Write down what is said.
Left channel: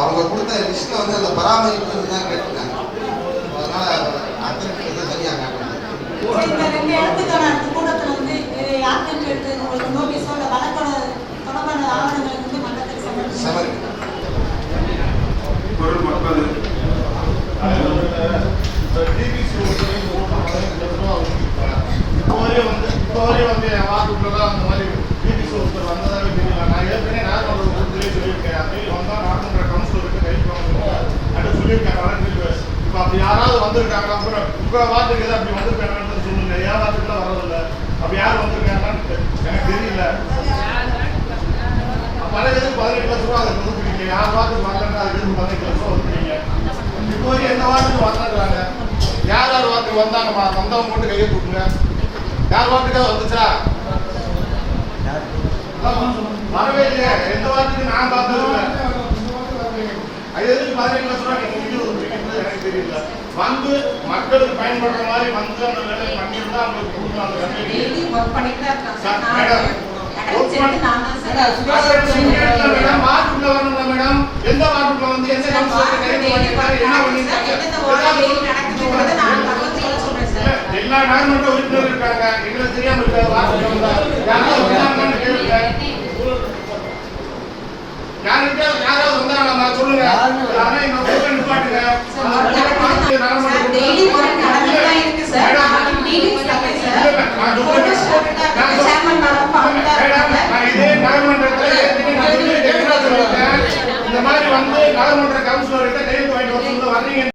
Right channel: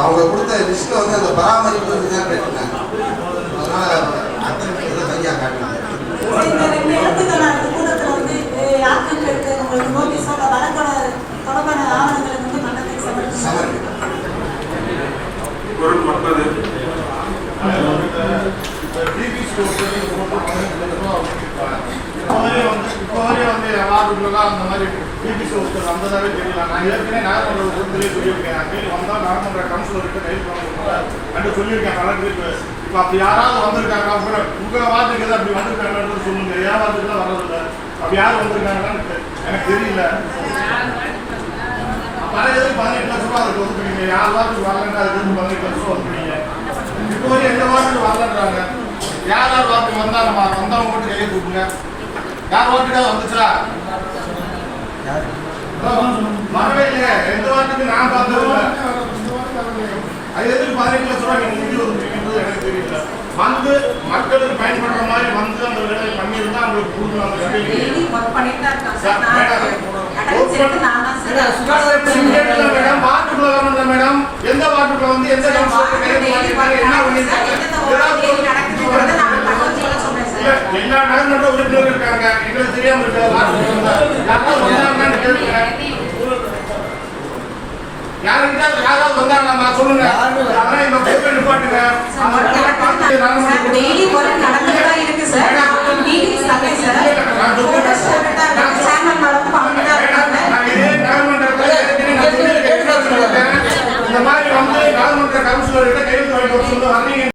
அவங்க கொடுத்த லிஸ்ட்டை வந்து அந்த பராமரிப்பு தான் கேட்டுனாங்க. அதனால அத்தனை சரியாக காட்டினாங்க. கூட்டத்தில் வந்து யாத்திரை கேட்டு உங்களுக்கு நோட்டீஸோ இல்லை வழக்கோட தொடர்பான ஆவணங்களை வந்து மண்டலத்துக்கு சமர்ப்பிக்கும். இப்போதே வந்து வாரத்துக்குள்ளதான் அந்த மாதிரி டிபிசி ஒருத்தர் வந்ததாவே தெரியல. நான் ஏற்கனவே நாகமன்ற ஒருத்தரே சொல்லியிருக்கேன். அப்படி வந்தால் நாகமன்ற கவுன்சிலருக்கு கைது வாங்க அப்படி சொல்லியிருக்கேன். வழக்கு இப்போ அப்படி யாராவது வந்திருக்காங்க அப்புறம் உங்கள் வார்த்தைக்கு எதாவது அப்படி வந்திருக்காங்கன்னு சொல்லுங்க. ஏன் வார்த்தைக்குலாம் வர்றதில்லை. அப்படி யார் வந்திருக்காங்கன்னு எனக்கு தெரியல. பல எதுக்கு 18 லட்ச ரூபா அதுக்கு ஒதுக்குறீங்க. யார் வாரத்துக்கு வரலன்னா அதுக்கு எதுக்கு 18 லட்ச ரூபா ஒதுக்குறீங்க. இப்போ வரைக்கும் எந்த வாரத்துக்கு வரலன்றாங்க. யார் யார் வாரத்துக்கு வந்தால் நம்ம வந்தவங்க மட்டும் கையை கொடுக்குங்க. யார் வாரத்துக்காக வந்துச்சா வரவே இல்லையே. எந்த வாரத்துக்கு நான் பார்த்ததில்லை. அது எதுக்கு 18 லட்ச ரூபா நீங்கள் நிதி ஒதுக்குறீங்கன்றது எனக்கு தெரியல. வந்து மக்களுக்கு பயன்படுற மாதிரி வந்து அந்த வேலை பண்ணியிருந்தா அவங்களுக்கு கொடுக்கணும். மேடம் வாட்டுக்குள்ள வரணும்ல மேடம். எந்த வாட்டுக்குள்ள வந்து எந்த எல்லா கவர்மெண்ட் உறுப்பினர் இருக்காங்க. எங்களுக்கு தெரியாம யாராவது வந்தாங்க சொல்லுங்க. ஆனா இந்த நிப்பாட்டுங்க.